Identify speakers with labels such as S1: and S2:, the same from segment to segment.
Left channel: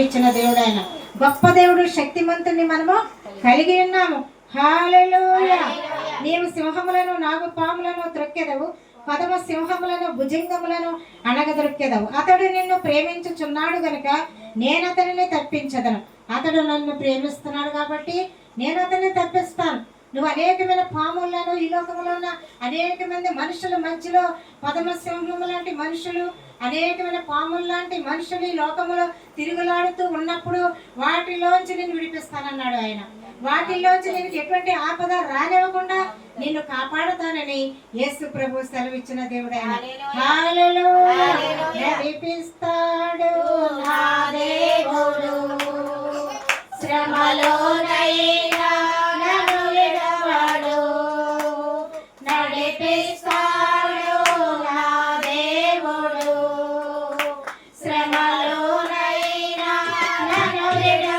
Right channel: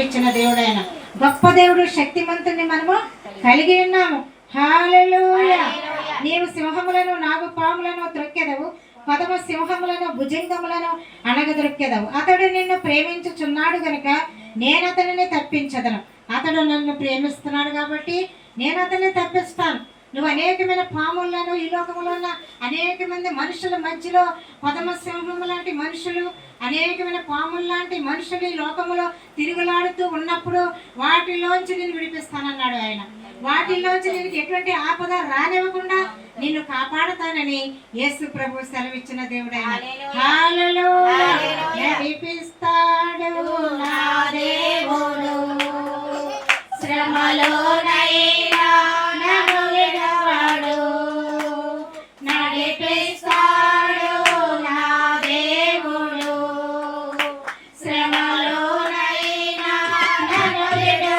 S1: సెలవిచ్చిన దేవుడు ఆయన గొప్ప దేవుడు శక్తిమంతుని మనము కలిగి ఉన్నాము. హాలెలూయా. నీవు సింహములను నాగు పాములను త్రొక్కెదవు. పదవ సింహములను భుజంగములను అణగదొక్కెదవు అతడు నిన్ను ప్రేమించుచున్నాడు గనుక నేను అతనిని తప్పించదను. అతడు నన్ను ప్రేమిస్తున్నాడు కాబట్టి నేను అతన్ని తప్పిస్తాను. నువ్వు అనేకమైన పాములను ఈ లోకంలో ఉన్న అనేక మంది మనుషుల మధ్యలో పదమ సింహము లాంటి మనుషులు అనేకమైన పాములు లాంటి మనుషులు ఈ లోకములో తిరుగులాడుతూ ఉన్నప్పుడు వాటిలోంచి నేను విడిపిస్తానన్నాడు ఆయన. వాటిలోంచి నేను ఎటువంటి ఆపద రానివ్వకుండా నిన్ను కాపాడుతానని యేసు ప్రభు సెలవిచ్చిన దేవుడు ఆయన హల్లెలూయా. నన్ను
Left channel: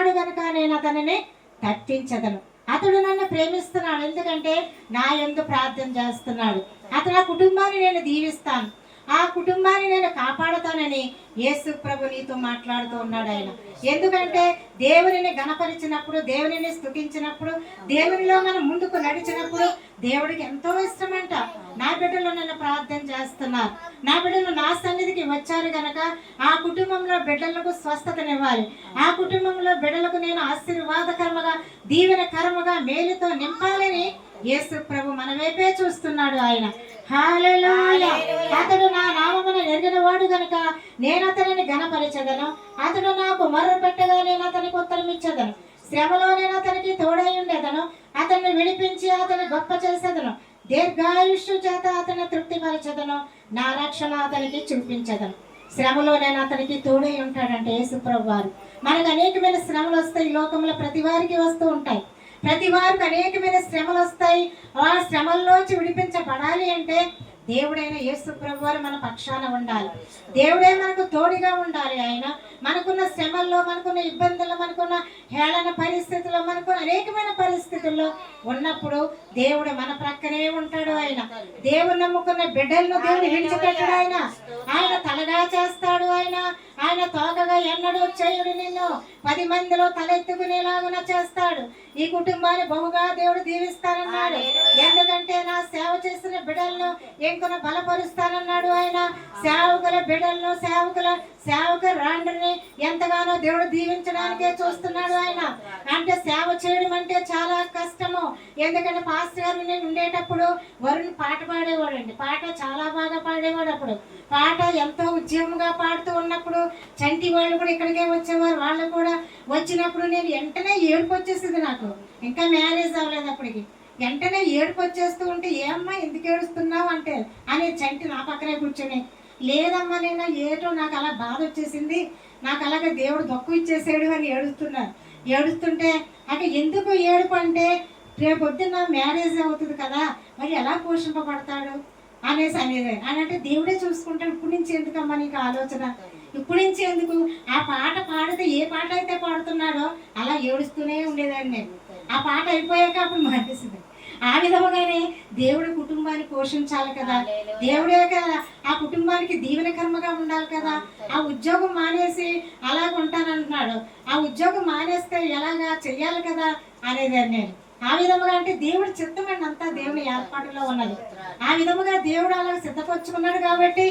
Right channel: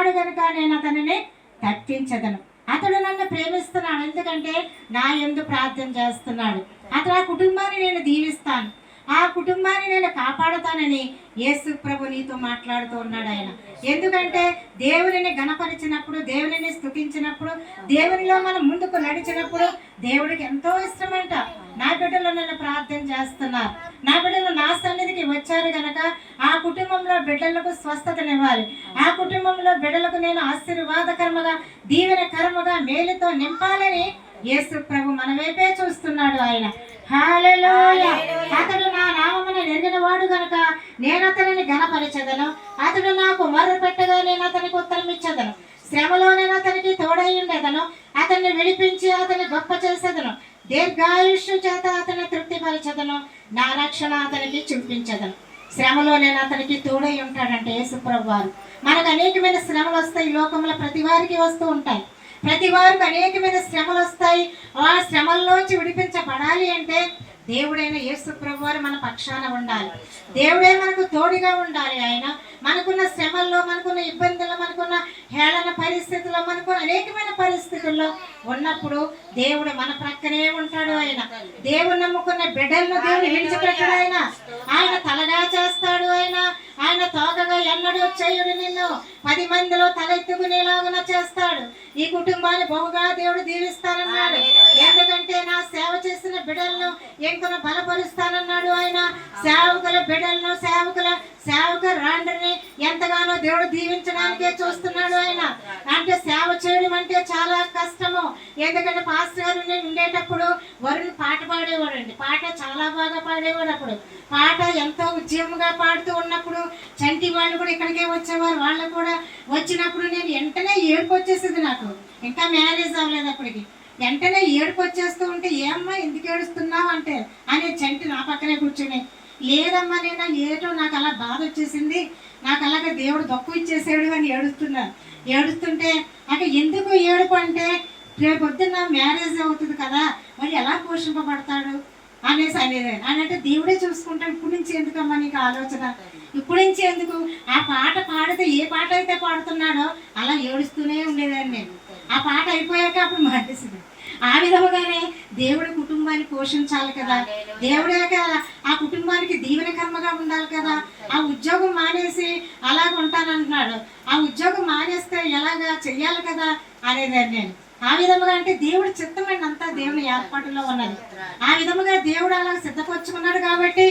S1: ఉన్నాడు కనుక నేను అతనిని తప్పించదను అతడు నన్ను ప్రేమిస్తున్నాడు. ఎందుకంటే నా ఎందు ప్రార్థన చేస్తున్నాడు. అతడు ఆ కుటుంబాన్ని నేను దీవిస్తాను. ఆ కుటుంబాన్ని నేను కాపాడుతానని యేసు ప్రభు నీతో మాట్లాడుతూ ఉన్నాడు ఆయన. ఎందుకంటే దేవుడిని గణపరిచినప్పుడు దేవుడిని స్థుతించినప్పుడు దేవునిలో మనం ముందుకు నడిచినప్పుడు దేవుడికి ఎంతో ఇష్టమంట. నా బిడ్డలు నన్ను ప్రార్థన చేస్తున్నారు. నా బిడ్డలు నా సన్నిధికి వచ్చారు గనక ఆ కుటుంబంలో బిడ్డలకు స్వస్థతనివ్వాలి. ఆ కుటుంబంలో బిడ్డలకు నేను ఆశీర్వాదకరముగా దీవెనకరముగా మేలుతో నింపాలని యేసు ప్రభు మన వైపే చూస్తున్నాడు ఆయన. అతడు నా నామమును నెరిగిన వాడు గనుక నేను అతనిని ఘనపరచదను. అతడు నాకు మొర్ర పెట్టగా నేను అతనికి ఉత్తరం ఇచ్చదను. శ్రమలో నేను అతనికి తోడై ఉండేదను. అతన్ని విడిపించి అతని గొప్ప చేసేదను. దీర్ఘాయుష్యు చేత అతన్ని తృప్తిపరచదను. నా రక్షణ అతనికి చూపించదను. శ్రమలో నేను అతనికి తోడై ఉంటాడంటే యేసుప్రభు వారు. మనకు అనేకమైన శ్రమలు వస్తాయి. లోకంలో ప్రతి వారికి వస్తూ ఉంటాయి. ప్రతి వారికి అనేకమైన శ్రమలు వస్తాయి. ఆ శ్రమల్లోంచి విడిపించబడాలి అంటే దేవుడైన యేసు ప్రభు వారు మన పక్షాన ఉండాలి. దేవుడే మనకు తోడుగా ఉండాలి ఆయన. మనకున్న శ్రమల్లో మనకున్న ఇబ్బందుల్లో మనకున్న హేళన పరిస్థితుల్లో మనకున్న అనేకమైన పరిస్థితుల్లో ఉన్నప్పుడు దేవుడు మన ప్రక్కనే ఉంటాడు ఆయన. దేవుడు నమ్ముకున్న బిడ్డలను దేవుడు విడిచిపెట్టడు ఆయన. ఆయన తలగా చేస్తాడు ఆయన. ఆయన తోకగా ఎన్నడూ చేయుడు నిన్ను. పది మందిలో తలెత్తుకునేలాగున చేస్తాడు. ఈ కుటుంబాన్ని బహుగా దేవుడు దీవిస్తానన్నాడు. ఎందుకంటే నా సేవ చేసిన బిడ్డలను ఇంకను బలపరుస్తానన్నాడు ఆయన. సేవకుల బిడ్డలను సేవకుల సేవక రాండ్రిని ఎంతగానో దేవుడు దీవించడానికే చూస్తున్నాడు ఆయన. అంటే సేవ చేయడం అంటే చాలా కష్టము. ఎందుకంటే పాస్టర్ గారు నేను ఉండేటప్పుడు వరుణ్ పాట పాడేవాడండి. పాట చాలా బాగా పాడేవాడు అప్పుడు. పాట ఎంతో ఉద్యమంగా పాడుతూ ఉన్నప్పుడు చంటి వాళ్ళు కూడా ఇక్కడికే వచ్చేవారు. వాళ్ళు కూడా వచ్చినప్పుడు నేను వెంటనే ఏడుపు వచ్చేసింది నాకు. ఇంకా మ్యారేజ్ అవ్వలేదు అప్పటికి. వెంటనే ఏడుపు వచ్చేస్తూ ఉంటే ఏమ్మా ఎందుకు ఏడుస్తున్నావు? అంటే అనే చంటి నా పక్కనే కూర్చొని లేదమ్మా నేను ఏటో నాకు అలా బాధ వచ్చేసింది. నాకు అలాగే దేవుడు దొక్కు ఇచ్చేసాడు అని ఏడుస్తున్నారు ఏడుస్తుంటే అంటే ఎందుకు ఏడుపు? అంటే రేపు పొద్దున్న మ్యారేజ్ అవుతుంది కదా మరి ఎలా పోషింపబడతాడు? అనేసి అనేది. అని అంటే దేవుడే చూసుకుంటాడు ఇప్పుడు నుంచి ఎందుకమ్మా నీకు ఆలోచన? ఇప్పుడు నుంచి ఎందుకు? ఆ పాట పాడితే ఏ పాట అయితే పాడుతున్నాడో అలా ఏడుస్తూనే ఉండేదాన్ని నేను. ఆ పాట అయిపోయాక అప్పుడు మానేసింది. ఆ విధముగానే దేవుడి కుటుంబాన్ని పోషించాలి కదా. దేవుడే కదా ఆ కుటుంబానికి దీవెనకర్మగా ఉండాలి కదా. ఆ ఉద్యోగం మానేసి అలాగ ఉంటానంటున్నాడు ఆ ఉద్యోగం మానేస్తే ఎలాగా చెయ్యాలి కదా అనేదాన్ని నేను. ఆ విధముగా అంటే దేవుడి చిత్తమైన అంతా దేవుని ఏర్పాటులో ఉన్నది. ఆ విధముగా దేవుడు అలా సిద్ధపరచుకున్నాడు కాబట్టి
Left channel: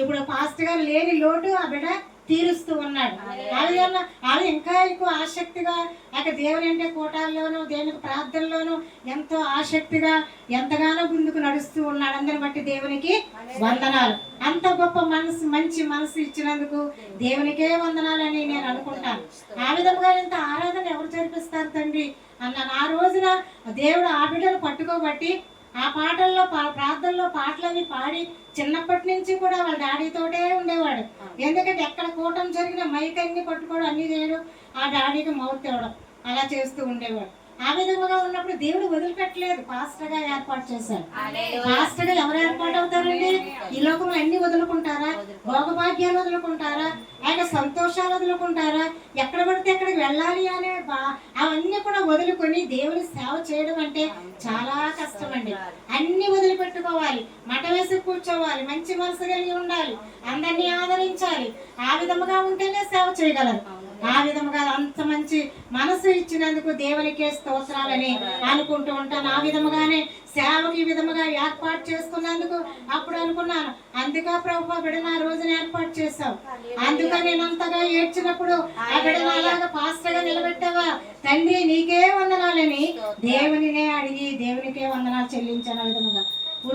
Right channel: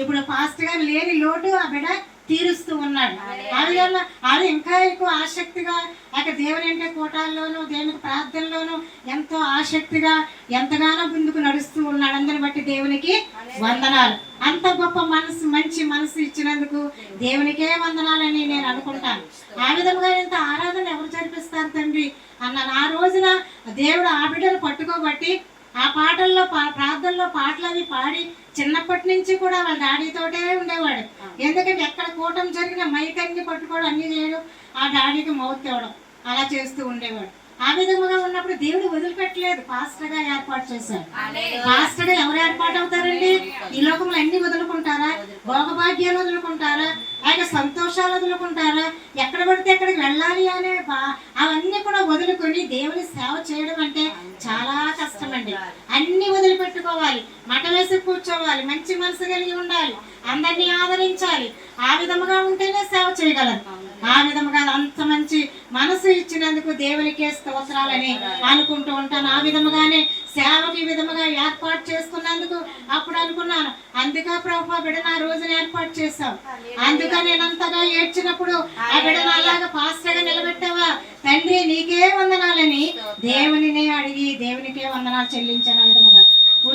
S1: ఇప్పుడు ఫాస్ట్గా లేని లోటు ఆ బిడ్డ తీరుస్తూ ఉన్నాడు. ఆ విధంగా వాళ్ళు ఇంకా ఎక్కువ ఆసక్తిగా అక్కడ దేవుని అంటే కూటాల్లోనూ దేవునికి ప్రార్థనలోనూ ఎంతో ఆసక్తిగా ఎంతగానో ముందుకు నడుస్తూ ఉన్నాడు. అందరిని బట్టి దేవునికి వందనాలు. అంత గొప్ప మనసు మంచి మనసు ఇచ్చినందుకు దేవునికే వందనాలని నేను అనుకుంటాను. ఆ విధంగా ఇంత ఆరాధన ఎవరు జరిపిస్తారు తండ్రి? అన్నాను ఆ రోజున దేవుడు ఆ బిడ్డను పట్టుకోబట్టి ఆ పాటల్లో పా- ప్రార్థనలో పాటలు అవి పాడి చిన్నప్పటి నుంచి కూడా వాళ్ళ డాడీతోటే ఉండేవాడు. ఎందుకంటే ఎక్కడ కూటం జరిగిన మైక్ అన్ని పట్టుకోవడం అన్ని చేయడం ఆ డాడీకి మౌత్ తేవడం. అలా చేస్తూ ఉండేవాడు. ఆ విధంగా ఉన్నప్పుడు దేవుడు వదిలిపెట్టలేదు. పాస్టర్గా ఏర్పాటు చేశాడు. పాస్టర్గా ఎవరు ఏర్పాటు అవుతారండి ఈ లోకంలో అన్ని వదులుకుంటారా? భోగభాగ్యాలు వదులుకుంటారా? ఆయన సంతోషాలు వదులుకుంటారా? ఎక్కడ పడితే ఎక్కడికి వెళ్ళాలి అనే బా- అవన్నీ కూడా వదులుకొని దేవుని సేవ చేయడం అంటే చాలా కష్టం అండి అన్ని వదిలిపెట్టుకోవాలి. మట వేసి కూర్చోవాలి. మంచి మనసు కలిగి ఉండాలి. అందరినీ ఆదరించాలి. ఆ విధముగా ఉంటేనే సేవ చేయగలరు. ఆ విధముగా అంత మంచి మనసు ఇచ్చినందుకు దేవునికే స్తోత్రాలని అనుకుంటూ ఉంటాను. ఆ విధముగానే సేవకి విధముగా ఏర్పాటు చేసుకున్నందుకు అప్పుడు అనుకున్నాను. అందుకే ప్రభా బిడ్డను ఆ రోజున ఏర్పాటు చేశావు. అందుక నేను అంతగా ఏడ్చినప్పుడు ఆ బిడ్డను అలాగా పాస్టర్గా నిలబెట్టావా? తండ్రి నీకే వందనాలని దేవునినే అడిగి దేవునికే వందనాలు చెల్లించాను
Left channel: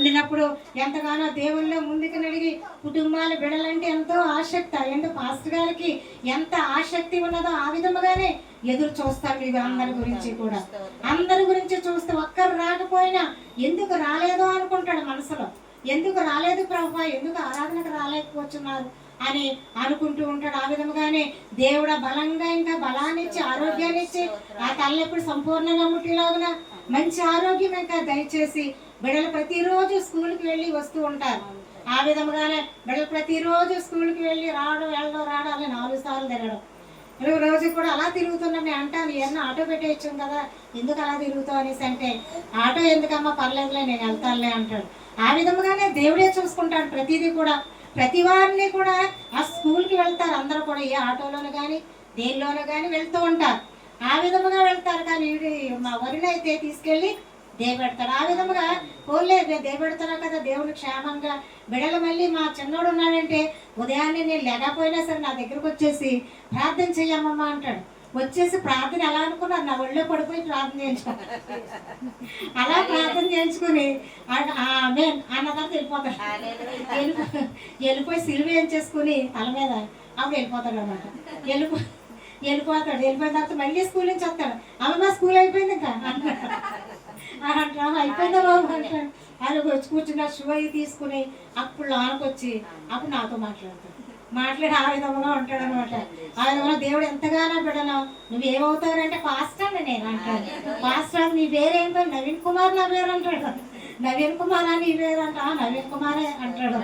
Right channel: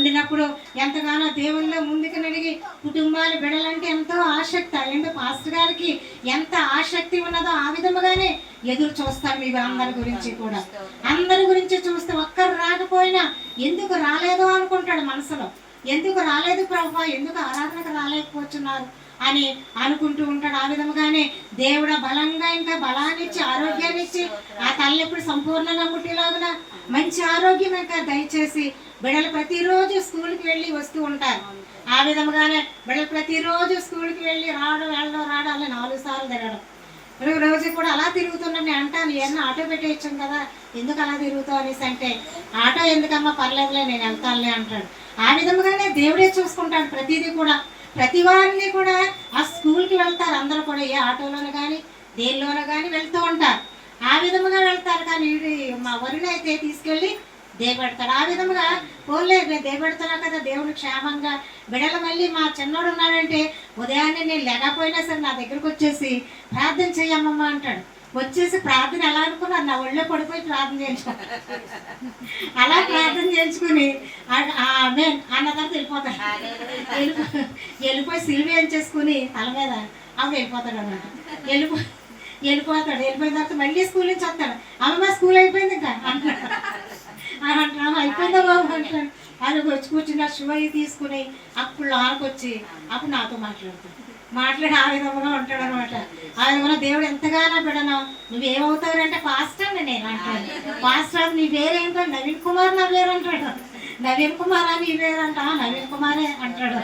S1: వెళ్ళినప్పుడు ఎంతగానో దేవుళ్ళో ముందుకు నడిగి కుటుంబాలు బిడలంటే ఎంతో ఆసక్తి. ఎందుకు పాస్టర్ గారికి ఎంత ఆసక్తి ఉన్నదో ఆ విధముగానే ఎదురు చూస్తారు మీ అందరి గురించి కూడా. అందరి గురించి చూస్తే ఒక్కరు రాకపోయినా ఎందుకు రాలేదో అనుకుంటాడు మనసులో. ఎందుకు రాలేదు ప్రభా? ఎందుకు ఆరాధనకు రాలేకపోతున్నారు? అని అనుకుంటూ ఉంటాడు. ఆ విధముగానే దేవుడు బలంగా ఇంకా బలాన్ని ఇచ్చి ఆరోగ్యాన్ని ఇచ్చి ఆ తల్లి ఎప్పుడు సంపూర్ణంగా ముట్టిలాగున మంచి ఆరోగ్యం ఇంకా దయచేసి బిడ్డలు ప్రతిరోజు స్కూల్కి వెళ్ళి వస్తూ ఉంటారు. ఆ విధముగానే బిడ్డలు ప్రతిరోజు స్కూల్కి వెళ్ళి రావడం వెళ్ళడం రావడం అలా నాలుగు సార్లు తిరగడం. రోజు కూడా అలా తిరుగుతున్నాం నేను అంటాను. ఏమన్నా ఆటో పెట్టేయచ్చాం కదా ఎందుకు అలా తిరుగుతావు అనేసి అంటే ఆటో ఎందుకమ్మా పర్లేదులే నేను వెళ్తానులే అంటాడు. ఆ విధముగానే దేవుడే చూసుకుంటాడు ప్రతిదీ కూడా. ప్రతి వారిని కూడా ఆ స్కూల్కి వెళ్తారు. అందరూ కూడా ఏ ఆటోలోనే కానీ దేనిలోనూ కానీ వెళ్తూ ఉంటారు. ఆ విధముగా వెళ్తారు. కానీ మా వరుని అయితే తీసుకెళ్ళి దేవెడతాడు ఆ విధముగా పోలే మేము దేవెడతాను కదా దేవుడు క్షేమంగా. బిడలు మళ్ళీ మా చిన్నోడు ఉన్నాడంటే ఉదయాన్నే నేను లేకపోయినా సరే నా దగ్గరకు వచ్చేసి ప్రార్థన చేయమ్మమ్మ అంటాడు. వచ్చేసి ప్రార్థన ఎలా అనుకున్నా నా ఒళ్ళో పడిపోయి ప్రార్థన చేయించుకున్నాను అలా ప్రార్థన చేయించుకుని ఆ- ఆమె అన్న తర్వాత వెళ్ళిపోతాడు వెళ్ళిపో- వెళ్ళిపోయి సిలువ ఏం చేసుకుని తల మీద అవి వెళ్ళిపోతాడు అనమాట వెళ్ళిపో వెళ్ళిపోతాడు. వెళ్ళిపోయిన తర్వాత మళ్ళీ స్కూల్ నుంచి వస్తాడు. అమ్మ స్కూల్ అయిపోయింది ఇంకా. అంటాడు అయిపోయిందా బాబు? అంటాడు. అది వచ్చి కూర్చున్న అవి తీసుకుని అప్పుడు లోనకి వచ్చి అప్పుడు నాతో మాట్లాడతాడు. మాట్లాడి ఆ విధంగా ఉంటాడు అనమాట ఆ విధంగా దేవుడు ఎంతగానో బిడను? నువ్వేమవుతావు అంటే పాస్టర్ అని నేను అంటాను. పాస్టర్ నీ పేరేంటో నవీన్ కుమార్ నా పేరు అంటాడు. నవీన్ కుమార్ అని నీ పేరు అంట "ఆ, నవీన్ కుమారే అంటాడు.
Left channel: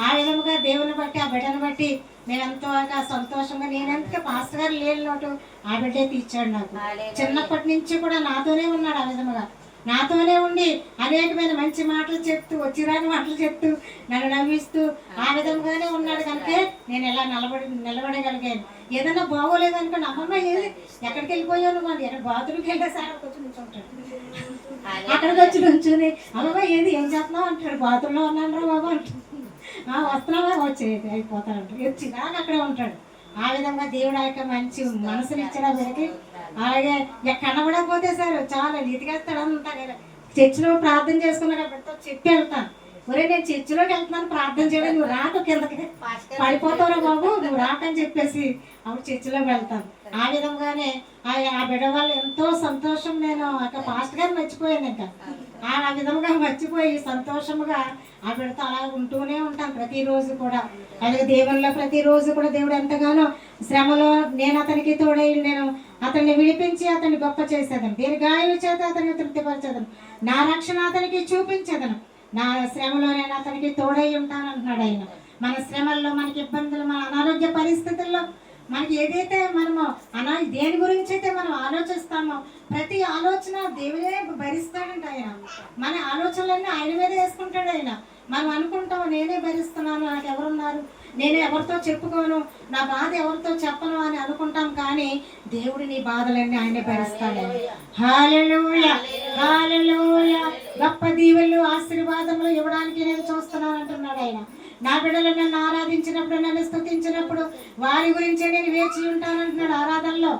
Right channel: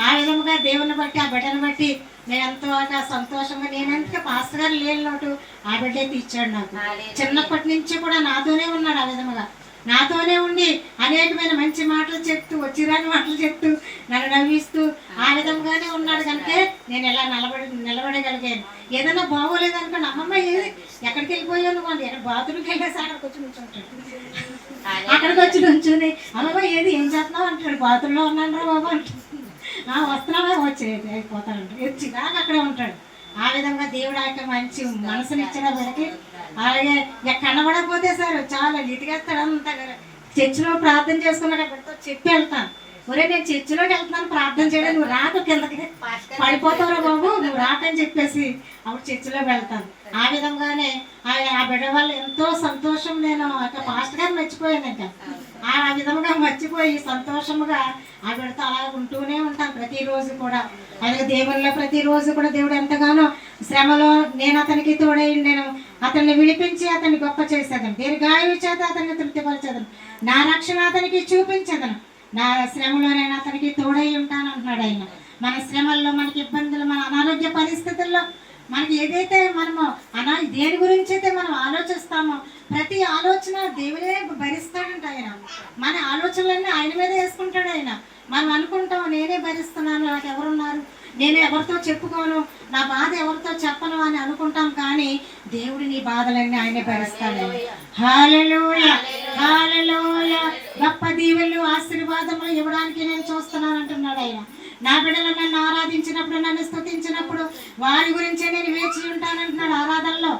S1: ఆ విధముగా దేవుని బట్టి ఆ బిడ్డను బట్టి నేను ఎంతో సంతోషంగా నేనందుకే పాస్టర్ గారు లేని లోటు ఆ బిడ్డే తీర్చాడు నాకు. చిన్నప్పటి నుంచి కూడా నాతోనే ఉన్నాడు ఆ విధముగా. నాతోనే ఉండి అనేకమైన మంచి మాటలు చెప్తూ వచ్చిరాని మాటలు చెప్తూ నన్ను నవ్విస్తూ ఆ విధంగానే ఉన్నాడు కనుక నేను ఎలా నిలబడి నిలబడగలిగాను? ఏదైనా బాగోలేదనుకోండి అమ్మమ్మ ఏది ఎక్కడికి వెళ్ళిపోయావు నువ్వు? బాత్రూమ్కి వెళ్ళేసి అక్కడికి వచ్చి నుంచుంటాడు. అక్కడికి వచ్చి నుంచుని అమ్మమ్మ ఏది ఏం చేస్తున్నావు అంటాడు. బాత్రూంలో ఉన్నాను రా బాబు అంటాడు. వస్తున్నావా? వచ్చేది అయిపోతాడు వచ్చినాక అక్కడే ఉంటాడు. ఆ విధంగా దేవుడు ఆ యొక్క మంచి మనసునిచ్చిన వీళ్ళకి అలాగే ఇక కనబడకపోతే సార్ చాలా నీతికేస్తాడు అంతా చర్చిలో ప్రార్థన చేసుకున్నాక బిడ్డతో చెప్పి వెళ్తాను. ఒరే నేను చర్చిలోకి వెళ్తున్నాను ప్రార్థన చేయడం నువ్వు రాక కిందకి. పడిపోతావురా బాబు నువ్వు రాకని చెప్పేసి అప్పుడు చర్చిలోకి వెళ్తాను. ఆ విధంగానే ఆ బిడ్డ వాళ్ళు ఎంతో సంతోషం నేను ఒక పాస్ట్ గారు మర్చిపోయాను ఇంకా. ఆ విధముగా మర్చిపోయి సంతోషముగా ఆ అలా ఉంటూనే ఉంటాను ప్రతిరోజు కూడా. అలాగే దేవుళ్ళ ప్రతిరోజు కూడా దేవుడు ఎంతగానో శ్రమలో నేను అతనికి తోడై నేను అతన్ని విడిపించి అతన్ని గొప్ప చేసేదను. దీర్ఘాయువు చేత అతన్ని తృప్తిపరచేదను. నా రక్షణ అతనికి చూపించదను. నా శ్రమలో నేను అతనికి తోడై ఉంటాను అంటున్నాడు ఆయన. మన శ్రమల్లో మనకి ఇబ్బందులు మన అనారోగ్య పరిస్థితుల్లో మనకి ఏదైతే మనము అనా దేని గురించి అయితే మనం ఆలోచిస్తామో ప్రతి ఆలోచన దేవుడే భరిస్తాడంట ఆయన. మన ఆలోచనలన్నీ ఆయన మీద వేసుకుంటాడు ఆయన. మనం అనుకుంటాం నేనే భరిస్తున్నాను నాకు ఎవరున్నారు? నేను ఎవరితో చెప్పుకోను? నా బాధ ఎవరితో చెప్పను అని అనుకుంటాం కానీ దేవుడు నీ బాధలన్నీ ఆయనే భరిస్తాడు. హాలలోయ హాలలోయ గొప్ప దీవెలు ఆశీర్వాదములు ఇవ్వడానికి నేను చూస్తున్నాను అంటున్నాడు ఆయన. నా బిడ్డలు నన్ను ఆరాధించినప్పుడు నన్ను స్తుతించినప్పుడు వారి గురించే నేను వేచి ఉంటానంటున్నాడు ఆరాధనలో.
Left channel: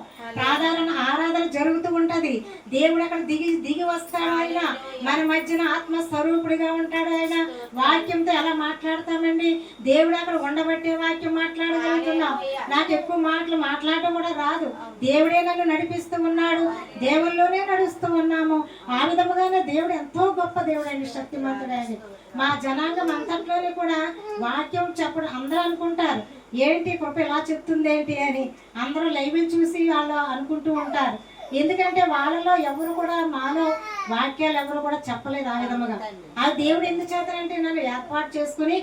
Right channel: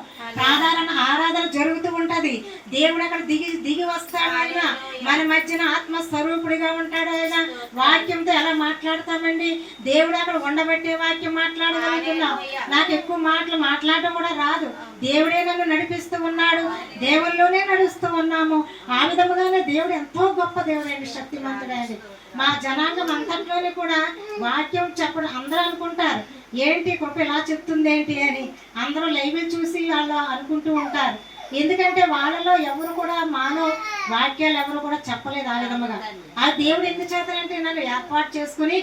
S1: ఆరాధన ఆరాధన జరుగుతూ ఉంటది. దేవుడు అక్కడ దిగి దిగి వస్తాడు ఆయన. మన మధ్యన ఆత్మ స్వరూపుడిగా ఉంటాడు ఆయన. వాక్యంతో ఎలా మాట్లాడతామండి? దేవుడు అక్కడ ఉండబెట్టే వాక్యం మాట్లాడగలుగుతున్నాం. నాకు ఎక్కువ మాటలు మాట్లాడటం కూడా రాదు. దేవుడే నన్ను నడిపిస్తూ ఉన్నాడు. దేవుల్లోనే నడుస్తూ ఉన్నాము. ఆ విధముగానే దేవుడు ఎంతో గొప్ప దేవుడు అండి శక్తిమంతుడైనది. మా జనాంగం అంతట్లోనే కూడా వాక్యం చెప్పడం అందరూ అనుకుంటారు. ఏంటి కృప ఇలా చెప్తుంది ఏంటి అని అందరూ లైవ్లు చూసి వాళ్ళు అనుకుంటూ ఉంటారు. ఎందుకంటే వాళ్ళలో ఎవరు కూడా మాలో వాక్యాలు ఎవరు కూడా చెప్పలేదు ఆ విధముగా. ఆ దేవుడు ఎందుకు చేతనంటే నన్ను ఏర్పాటు చేసుకుని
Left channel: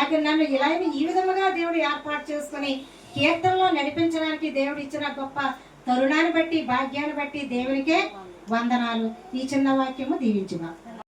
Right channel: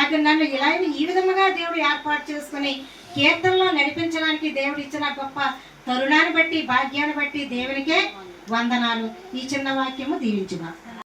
S1: అక్కడ నన్ను ఇలా ఈ విధముగా దేవుడు ఏర్పాటు చేసుకుని కీర్తనలో నడిపించడానికి దేవుడు ఇచ్చిన గొప్ప తరుణాన్ని బట్టి భాగ్యాన్ని బట్టి దేవునికే వందనాలు. ఈ చిన్న వాక్యము దీవించిన